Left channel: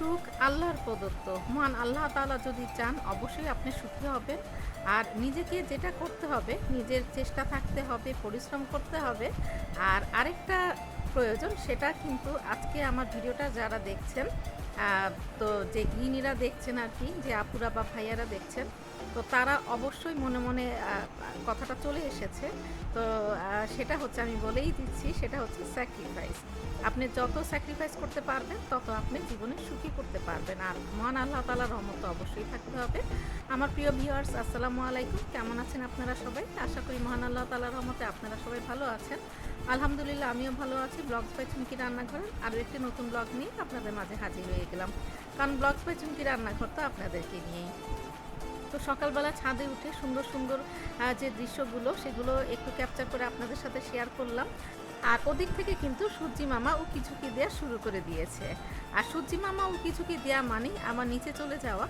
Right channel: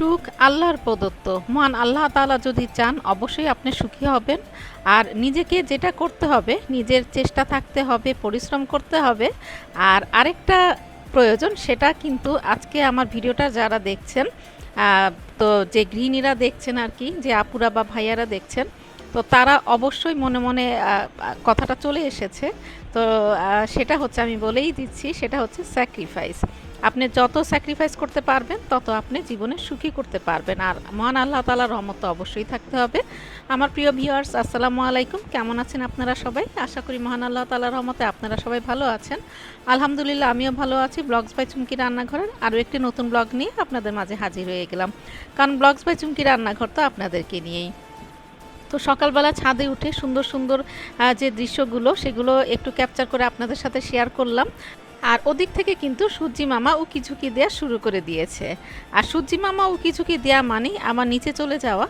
সুখ আল্লাহর প্রদত্ত। মহান আল্লাহ তাআলা যদি চান, অবশ্যই আপনি সুখী হবেন। আর নিজেকে যেটা করতে হবে, নিজের চেষ্টা থাকতে হবে, পরিশ্রম করতে হবে। আর আরেকটা প্রয়োজন, সেটা কিন্তু আজকে আমার ভিডিওটা যারা দেখছেন তো যে গৃহিণীরা দেখছেন আর কি, যে আপুরা বা ভাইয়ারা দেখছেন, তো তারা অবশ্যই মনে মনে কথাটা চলে এসেছে। তো সেটা হচ্ছে, আমি বলেই দিচ্ছি, সেটা হচ্ছে স্যাক্রিফাইস আপনি যত স্যাক্রিফাইস করতে পারবেন, তত আপনি জীবনে সুখী করতে পারবেন। আর মহান আল্লাহ তালার রহমত অবশ্যই থাকতে হবে। আমার প্রিয় ভিউয়ার্স আসসালামু আলাইকুম। কেমন আছেন আপনারা সবাই? আশা করি মহান আল্লাহ তালার রহমতে আপনারা সবাই ভালো আছেন। আলহামদুলিল্লাহ, আমিও ভালো আছি। ব্লগস বাই চুমকি রান্নাঘরের আরও একটি নতুন ব্লগ নিয়ে আপনাদের মাঝে হাজির হয়ে গেলাম। কারণ ব্লগস বাই চুমকি রান্নাঘর তো আপনাদেরকে নিয়েই। তো সকালবেলা ছাদে উঠে সুন্দর সুন্দর যে দৃশ্যগুলো, সেগুলো একটু ক্যাপচার করে আপনাদের সাথে শেয়ার করলাম। আর ওদিক থেকে কিন্তু সূর্যি মামা ও কিছুকি দেওয়া শুরু করে দিয়েছে। আর সূর্যি মামা ও কিছুকি দেওয়া মানেই আমার নিচে চলে যাওয়া।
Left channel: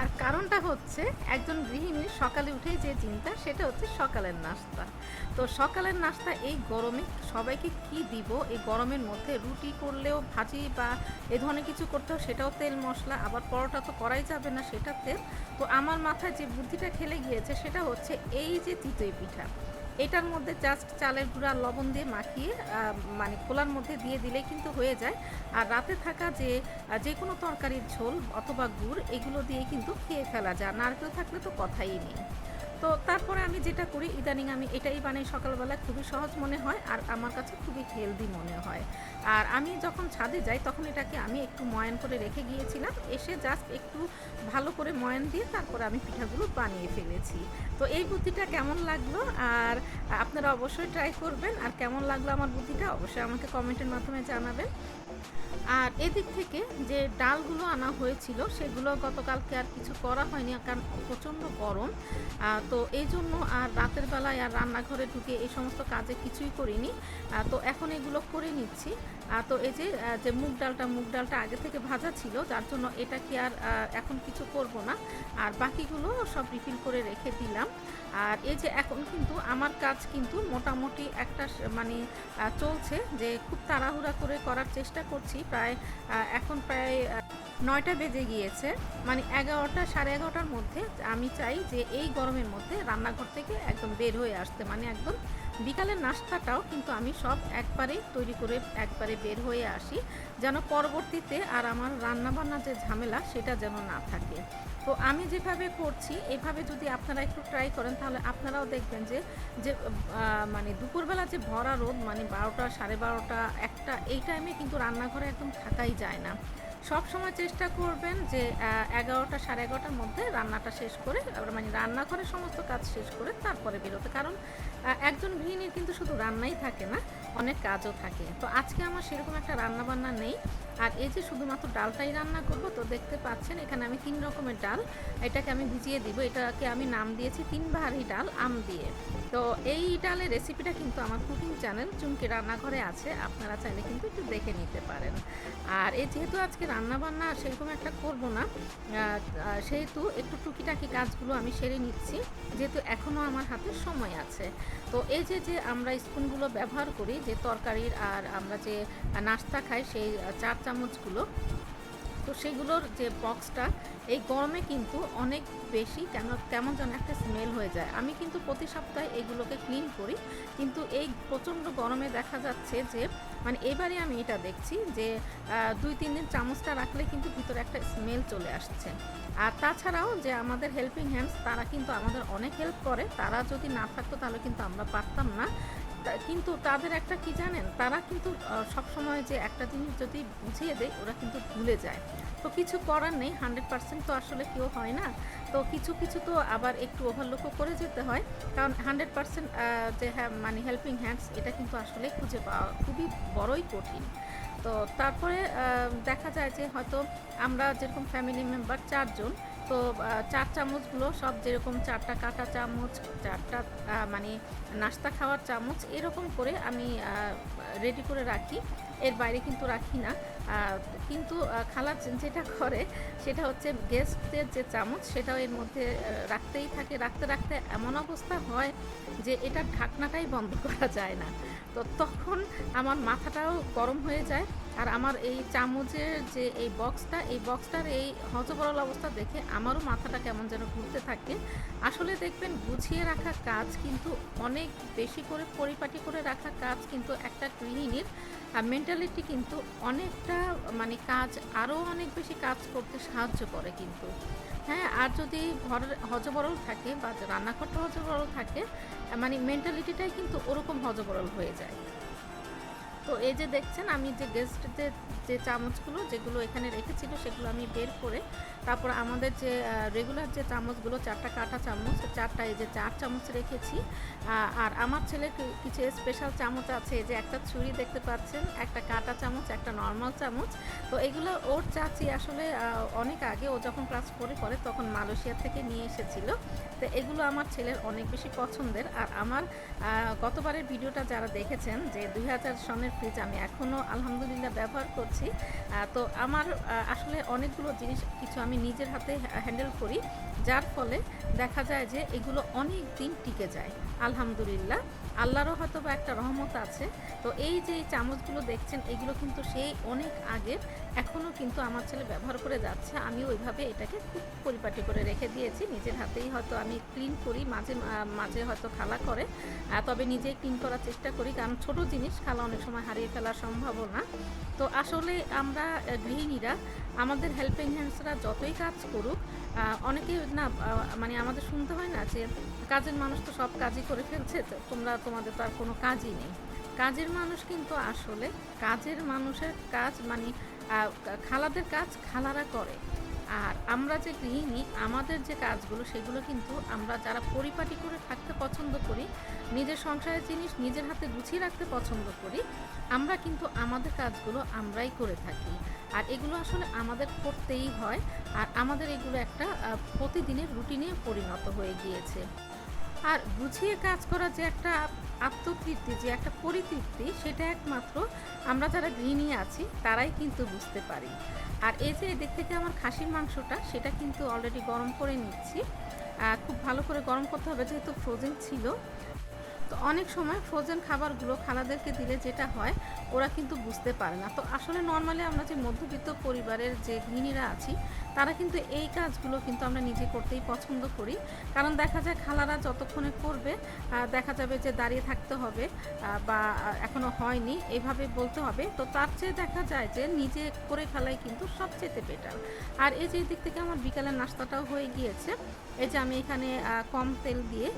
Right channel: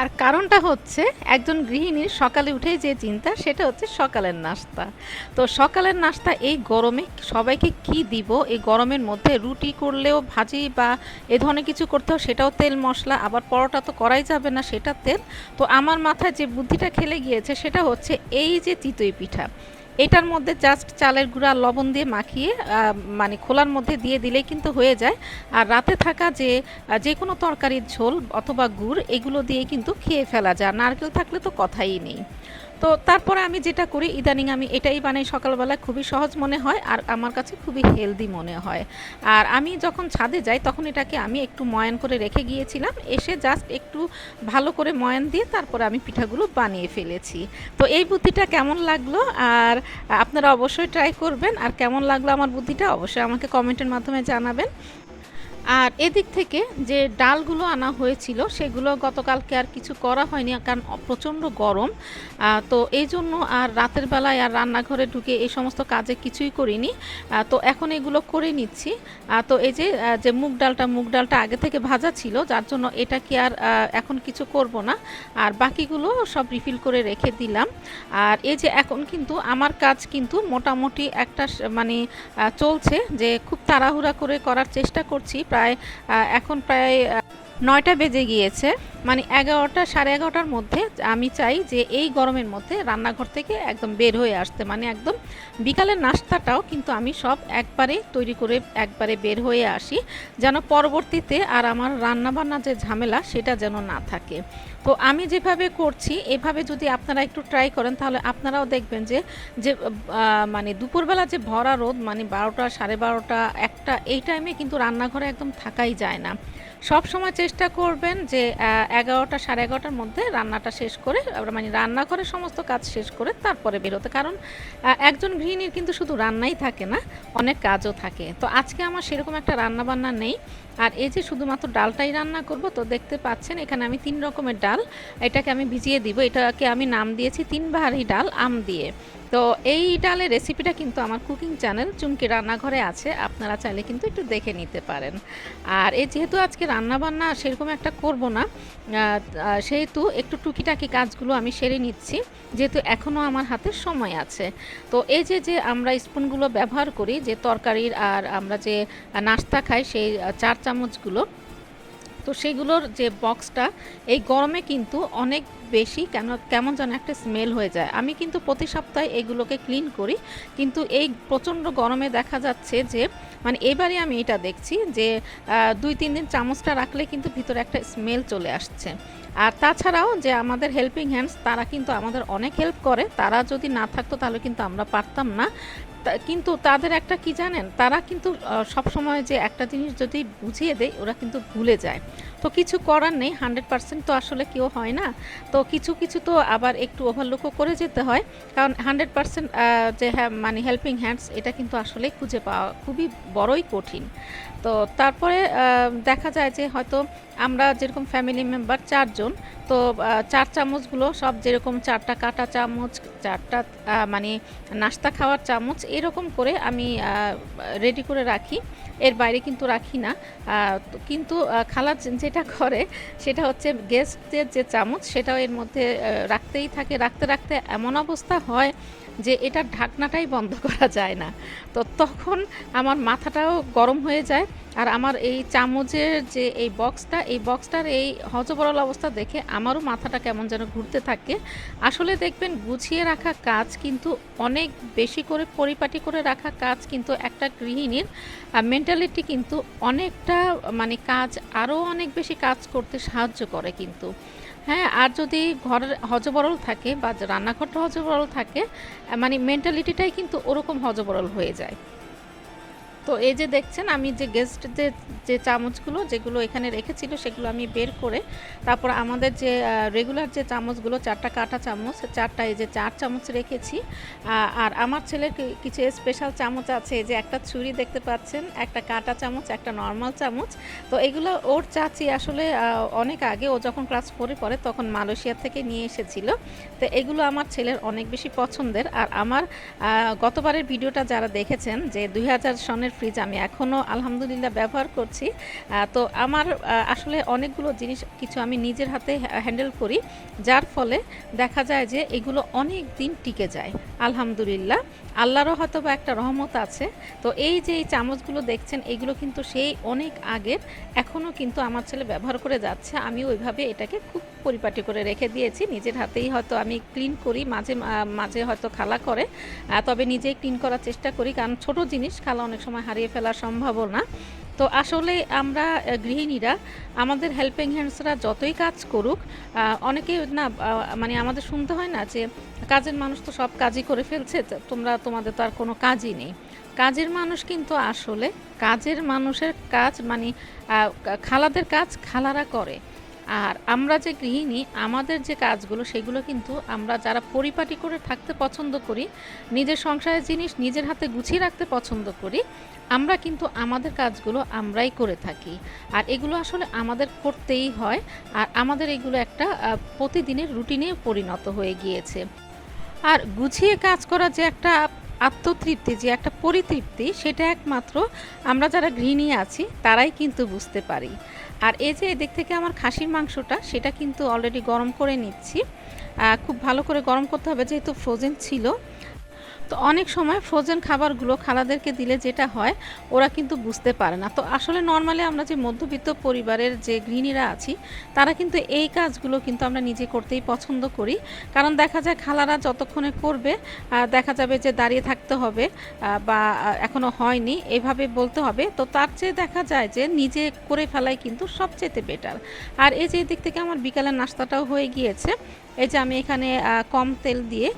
আর কারণটা হচ্ছে, একজন গৃহিণীর সকালে উঠে যে চিন্তা, সেটা হচ্ছে সকালের নাস্তা। তো সকালের নাস্তা এই গরমে সবাইকে কি দিব? এই গরমের মধ্যে রুটি করলেও ভাজি বা এ ধরনের কিছু করতে হয় সেটাও তেল, মশলা, আবার পরোটা তো করাই যাবে না, সেটা তেল। তো আমার মাথায় যে বুদ্ধিটা খেলে গিয়েছে, সেটা হচ্ছে এই যে চিতই পিঠা। এটার মধ্যে জাস্ট চালের গুঁড়া লবণ দিয়ে মাখিয়ে মানে খোলার মধ্যে দিয়ে দিলেই কিন্তু হয়ে যায়। আর রাতে থাকা যে যে কোনো তরকারির ঝোল অথবা গুড়, এগুলো দিয়ে কিন্তু খেয়ে ফেলা যায়। নারকেল থাকলে তো কথাই নেই। তো তারপরে আমি যেটা করি, ইদানিং আমি এটাই বানাই সকালবেলা খুবই সহজ মনে হয় আর আমার কাছে খুবই হেলদি মনে হয়। আর আমি যখন ছাদে যাই তখন এটাকে আমি একটু ময়ান করে রেখে গিয়েছিলাম, এসে জাস্ট একটু ভালো করে ময়ান দিয়ে তারপরে আমি পিঠাগুলো বানিয়ে ফেলেছি। তো এই বুদ্ধিটা কেমন লাগল? আর আপনারা অবশ্যই ট্রাই করবেন, আর কেমন লাগল আমার বুদ্ধিটা অবশ্যই আমাকে কমেন্টের মাধ্যমে জানাবেন। আর এদিক থেকে যে ডালগুলো আনা হয়েছিল, সেগুলো গতকালকে আর কিছু করা হয়নি, কারণ প্রচণ্ড গরম। তো এই জন্য আর রাতের বেলায় আর রান্নাঘরে ঢুকে এই সমস্ত কাজে কিছুই করিনি। তো এখন এগুলো করে নিচ্ছি। তো এই যে যে মুগ ডালটা মুগ ডালটা আগে থেকে ভাজা ছিল, যার জন্য এটা কি আর এখন কিছু করব না। আর বাকিগুলো সব রিফিল করে রেখে দিলাম। আর এই যে এখন কিন্তু আমার কাজ কিন্তু মোটামুটি একটা মানে চলছে যে খুব তাড়াহুড়া করে করার চেষ্টা করছি। প্রায় আহ, এখন প্রায় নয়টা বেজে গিয়েছে মানে এগারোটা, সাড়ে এগারোটার মধ্যে আমি চাই যে এই গরমের মধ্যে রান্নাঘর থেকে একদম বের হয়ে আসতে। মানে একদম বিকালের নাস্তাটাও কিন্তু আমি সব একবারে তৈরি করে একবারে বের হয়ে আসি, যেন পরবর্তীতে আর আমার রান্নাবান্না যে ঝামেলা সেটা যেন না থাকে। তো আমি যেভাবে করছি, এভাবে যদি আপনারা একটু ট্রাই করেন, তাহলে আপনারাও দেখবেন যে যে মানে দুপুরবেলা যে ভরা রোদ মানে বারোটা, সাড়ে বারোটা, একটা, এই টাইমে কিন্তু রান্নাঘরে একদম থাকাই যায় না। সব সময় চেষ্টা করবেন যে এগারোটা সাড়ে এগারোটার মধ্যে রান্নাটা শেষ করে মানে রান্নাঘরের সমস্ত কাজ শেষ করে তারপরে বেরোতে। কারণ একজন গৃহিণীর কিন্তু শুধু রান্নাই থাকে না, অনেক কাজও থাকে। তো আজকে আমার সেরকম একটা রান্না বান্না নেই। আর এই যে শুধুমাত্র ডালটাই রান্না করব, তো দেখতে পাচ্ছেন এখানে আমি তিন রকমের ডাল। এটাকে আমি ভিজিয়ে দিব। এটাকে আমি নাম দিয়েছি তিন বাহারি ডাল, আম দিয়ে। তো এই ডালের রেসিপিটা কিন্তু আমার কুকিং চ্যানেল চুমকি রান্নাঘরে আছে, আপনারা চাইলে কিন্তু একটু দেখে নিতে পারেন। আর এই যেহেতু আজকে রান্না বান্না সেরকম একটা করব না সেহেতু একটু টুকিটাকি কাজগুলো আমি সেরে নিচ্ছি, যেহেতু এখনও আমার হাতে সময় আছে। তো এই যে যে আমরা স্পুনগুলো ব্যবহার করি, যে তরকারির আর আমরা যে নাস্তা খাই, সেই চার চামচগুলো, তো সেগুলোর যে বক্সটা এই গরমে কিন্তু অনেক বেশি কেন, কেমন যেন একটা স্মেল হয়ে যায়। আমি কিন্তু প্রতি সপ্তাহে এগুলোকে ক্লিন করি। কিন্তু এই প্রচণ্ড গরমে দেখা যাচ্ছে যে মানে এবারে আমি এটা দেখছি যে দুই, তিন দিন চামচটা রাখলে কিন্তু ভিতরে একটা স্মেল চলে আসছে। আর তাছাড়াও যে, আমাদের হেল্পিং হ্যান্ডস তারা কিন্তু আমাদের অনেক হেল্প করে। তারা যদি না থাকতো তাহলে কিন্তু আমরা পারতাম না। কিন্তু তাদের একটা কি জানেন? তারা কিন্তু সব সময় যে একটা জিনিস যদি বুঝিয়ে দেয়, ওরা কিন্তু ভুলে যায়। তো কিছু করার নেই হান্ড্রেড পার্সেন্ট তো আসলে কেউ হয় না। তো কিছু কিছু তো আবার একটু ওভারলুকও করে যেতে হয়। কারণ হান্ড্রেড পার্সেন্ট যে হ্যাঁ মানে হেল্পিং হ্যান্ডস এটা কিন্তু আসলে খুঁজে পাওয়া খুবই বড়ই কঠিন। তো তারপরে দেখা যায় যে হয়তো আমরা যেরকম ফ্যামিলি মেম্বার চারজন তো চার চামচগুলো, সব যেরকম চারটা কাটা চামচ, চারটা মানে নাস্তা খাওয়ার চামচ, এরকম করে আমি রেডি করে রাখি। এর বাইরে কিন্তু রাখি না। কিন্তু খালা যেটা করে, সেটা হচ্ছে গেস্টের যে চামচ, সেটাও এর মধ্যে রাখতেই থাকে। রাখতে রাখতে এমন অবস্থা হয় যে, এটার ঢাকনাটাই বন্ধ করা যায় না। তো তখন আমার মাথাটাও গরম হয়ে যায়। আর আমার এই চামচের যে এই বক্সটা এই বক্সটার এই হজবরল অবস্থা দেখে আমারও মাথাটা কেমন যেন ঘুরতে থাকে। আসলে দেখবেন গুছিয়ে রাখা কাজ কিন্তু অনেক বেশি করে পরিপাটি করে রাখা কাজ কিন্তু একটা গৃহিণীর মেন্টালিটি কিন্তু অনেকটা মানে কাজ, আরও অনেক বেশি কাজ করতে সাহায্য করে কিন্তু। হ্যাঁ আর যদি ঘরের হজবরল থাকে বা রান্নাঘরটা হজবরল থাকে মানে মেন্টালিটিটাই কিন্তু ওরকম হজবরল হয়ে যায়। তো এই যে দেখছেন, আমি যে গেস্ট যে চামচগুলো যেগুলো এখানে রেখেছিল সেগুলো আমি বের করে তারপর আমাদের যে রেগুলার যে চামচগুলো, চারটা কাঁটা চামচ, চারটা এই যে চার চামচ রেখেছি। আর আমার ছেলের কিছু স্পেশাল চামচ আছে যে একটা ছুরি দেখতে পাচ্ছেন, একটা কাঁটা চামচ, একটা নর্মাল চামচ। তো এগুলো ওর চাচি আসলে অনেক আগে ও যখন ক্লাস ফোরে পড়ে তখন মালয়েশিয়া থেকে নিয়ে এসেছিল। তো এগুলো আমার ছেলের অনেক বেশি পছন্দের। আর আমার গতবারের ভিডিওটা যারা দেখেছেন যে দুই হাজার সনের ফ্রিজ আমি এখনও আলহামদুলিল্লাহ, ব্যবহার করছি। তো আমার আসলে অনেকগুলো জিনিস কিছু আমি নিজের হাতে হ্যান্ডেল করি। যার ফলে দেখা যায় যে এগুলো অনেক দিন টিকে যায়। আলহামদুলিল্লাহ। আল্লাহরও হয়তো বা একটা রহমত আছে। তো এই যে এই চামচগুলো দেখছেন এগুলো কিন্তু সেই অনেক আগের এখনও কিন্তু আমার ছেলে ব্যবহার করে যাচ্ছে। আমি ওইভাবে এটাকে খুব পরিপাটি করে রেখে দিয়েছি। নিজের হাতেই হয়তো আমি ক্লিন করি মাঝে মাঝে হয়তো খালা করে। তবে নিজেই ক্লিন করার চেষ্টা করি কারণ ছোট জিনিস খালা অনেক সময় হারিয়ে ফেলার সম্ভাবনা তো আসলে আমরা গৃহিণীরা আমাদের হেল্পিং হ্যান্ডসরা যতই কাজ করুক আহ, অনেকে না মানে আমাদের শুনতে হয় না যে কাজের মানুষ তো সব কাজই করে ফেলছে তোমরা, তোমাদের তো আর কোনো কাজই নেই। কাজের মানুষ কিন্তু আসলে, কাজের মানুষের কাজ মানে খালাদের কাজ খালারা করে। আর আমরা যে গৃহিণী, আমাদের যে কাজগুলো, সেগুলো কিন্তু আমরা যারা পরিপাটি করে থাকতে পছন্দ করি, নিজের সংসারের জিনিস নিজের হাতে গুছিয়ে রাখতে পছন্দ করি, আমরা কিন্তু আমাদের কাজগুলো আমরাই করে থাকি। আর এগুলো আসলে আমাদের করতেই হয়, আর আমাদের এগুলো একটা প্রতিদিনের রুটিনে পরিণত হয়ে গিয়েছে। আর গুছিয়ে কাজ করা যে একটা আত্মতৃপ্তি, যে একটা পরিতৃপ্তি, সেটা একমাত্র আমরা যারা গৃহিণী আছি, তারাই কিন্তু বুঝতে পারি। আর এই যে এদিক থেকে আমার খাসির মাংসটা, সেটা কিন্তু অলরেডি গরম করে নিচ্ছি। খুব ভালো করে গরম করতে হবে, যেহেতু ফ্রোজেন ছিল। তো অনেক সময় ফ্রোজেন খাবারগুলো খালাদেরকে দিলে যেটা হয় ওরা কিন্তু বুঝতে পারে না। তো আসলে নর্মালি আমরা যে মধ্যবিত্ত পরিবারের যে গৃহিণীরা আছি তারা কিন্তু এই কাজগুলো কিন্তু আমরা নিজে করতেই পছন্দ করি। কারণ দেখা যায় খালারা যতক্ষণে করবে দেখা যাবে যে দাঁড়িয়ে থাকতে হবে বা আহ, এখনও হয়নি এভাবে বলতে হবে। তো তার চেয়ে দেখা যায় যে নিজে করে ফেলাই কিন্তু সবচেয়ে বেটার আর এই যে দিক থেকে আমার বিকালের নাস্তাটাও হয়ে গিয়েছে এই যে আমি এখানে কম তেল দিয়ে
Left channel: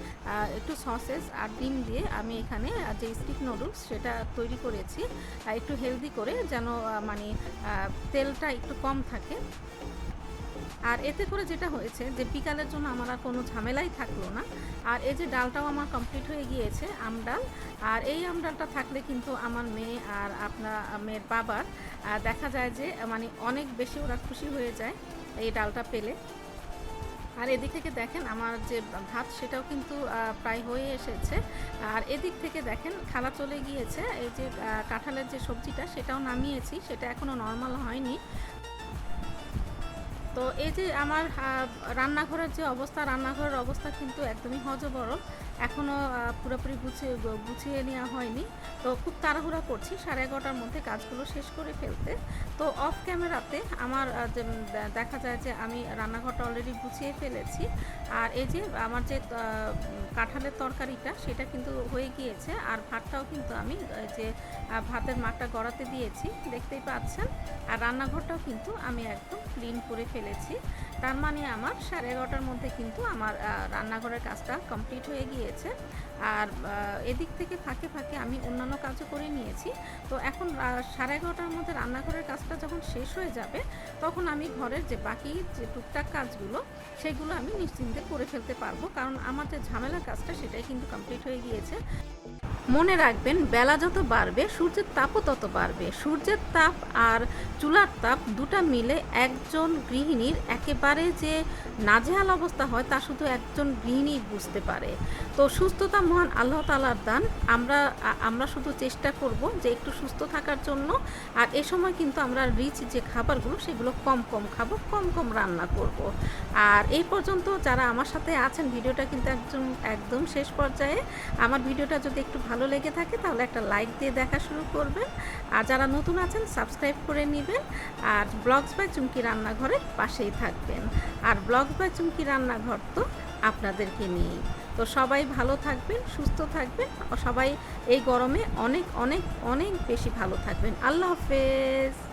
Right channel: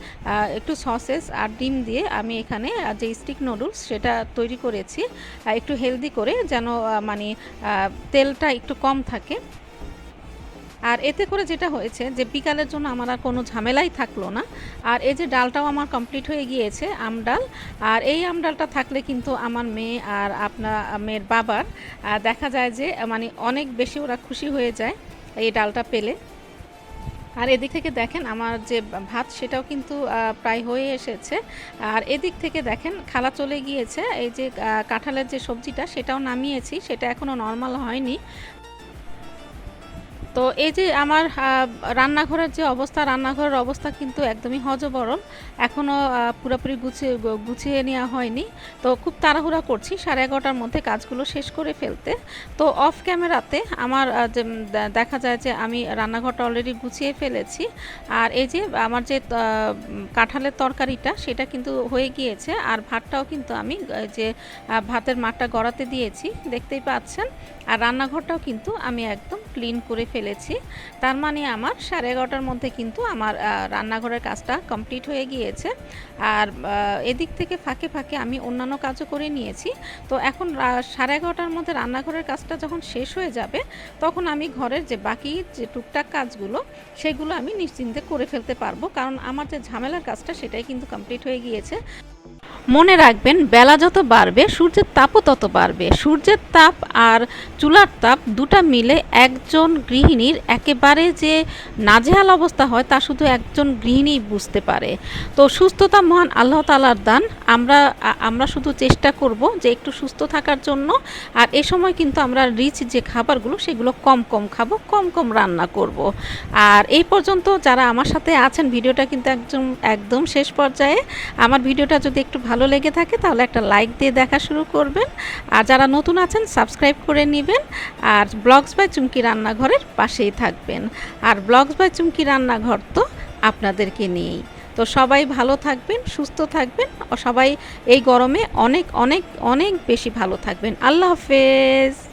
একটু সসেস আর ডিম দিয়ে আমি এখানে যে স্টিক নুডলস সেটা তৈরি করেছি একটু হেলদি করে যেন মানে তেলটা একটু কম থাকে। আর এতে করে যেটা হয়েছে যে বিকালের জন্য আমার আর কোনো ঝামেলাই থাকল না। আর এই যে ডালটাও আমার কমপ্লিট হয়ে গিয়েছে আমডাল আর এই আমডালটা থাকলে কিন্তু আমার মেয়ে আর আপনার মেয়ের বাবার দেখা যায় যে মানে অনেক বেশি ওরা খুশি হয়ে যায় এই ডালটা পেলে। আর এদিক থেকে দেখেন আমার যে ভাত সেটাও কিন্তু প্রায় হয়ে এসেছে। আর এদিক থেকে দেখেন খালা চলে গিয়েছে, এই যে কাঁঠালের যে সবজিটা সেটাও নামিয়েছি, সেটা এখনও নর্মাল হয়নি। তো এই যে আমার রান্নাঘরের যে অবস্থা, রান্নাঘরের অবস্থা কিন্তু একদমই হজবরল। এখনও পুরোপুরি গুছিয়ে গুছিয়ে নেওয়া হয়নি। তো খুব তাড়াহুড়া করছি সাড়ে এগারোটার মধ্যে কাজগুলো শেষ করে ফেলতে। তো অফ ক্যামেরাতে আমার দেখা যায় যে আমি রান্নাঘরটা অলরেডি গুছিয়ে ফেলেছি। আর এই যে আমার যে কাঁঠালের তরকারিটা, সেটা কিন্তু হয়ে গিয়েছে। আর ভাতটাও কিন্তু আমি যে ভাতের মাঠটা গড়াতে দিয়েছি, দেখতেই পাচ্ছেন। আর রান্নাঘরটাও কিন্তু আমি একদম ক্লিন করে ফেলেছি। তার মানে আমার সাড়ে এগারোটার মধ্যে কিন্তু আমার রান্নাঘরের কাজটা কমপ্লিট হয়ে গিয়েছে। আর এদিক থেকে ফাঁকে ফাঁকে আমি অন্যান্য কাজও করে নিয়েছি। তো এখন সাড়ে এগারোটার মধ্যে রান্নাঘরের কাজটা যখন শেষ হয়ে যাবে, তখন আমি ঘরের যে বাকি যে টুকটাক কাজগুলো, সেগুলো আমি নিশ্চিন্তে করে ফেলতে পারব। কারণ আমার যে ঝামেলার কাজটা, সেটাই কিন্তু কমপ্লিট হয়ে গিয়েছে। মনে রাখবেন, বেলা যত বাড়বে, সূর্যের তাপও তত বাড়বে। সূর্যের তাপ আর চুলার তাপ দুটা মিলে একজন গৃহিণীর একেবারে যে নাজেহাল অবস্থা হয়, তা শুধু একজন গৃহিণী বুঝতে পারে। তো সুস্থতা মহান আল্লাহ তালার দান। আমরা আমরা শুধু চেষ্টা করব যে একটু সুস্থ থাকার জন্য। আর এ সময় কিন্তু আমরা রিচ যে খাবারগুলো, সেগুলো কম কম খাব, কম কম রান্না করব। আর এই পর্যন্ত যারা আমার সাথে আছেন, ভিডিওটা কিন্তু একদম একদম শেষ পর্যায়ে। আমার ভিডিওটা যদি একটু ভালো লেগে থাকে তাহলে একটা লাইক দিয়ে দেখা শুরু করবেন। আর যারা নতুন আছেন সাবস্ক্রাইব করে নেবেন। আর ব্লগস বাই চুমকি রান্নাঘরের পাশেই থাকবেন। আর ব্লগস বাই চুমকি রান্নাঘর তো আপনাদেরকে নিয়েই। তো সবাই ভালো থাকবেন, সুস্থ থাকবেন। সবাই এই গরমে অনেক অনেক অনেক বেশি ভালো থাকবেন। আল্লাহ হাফেজ।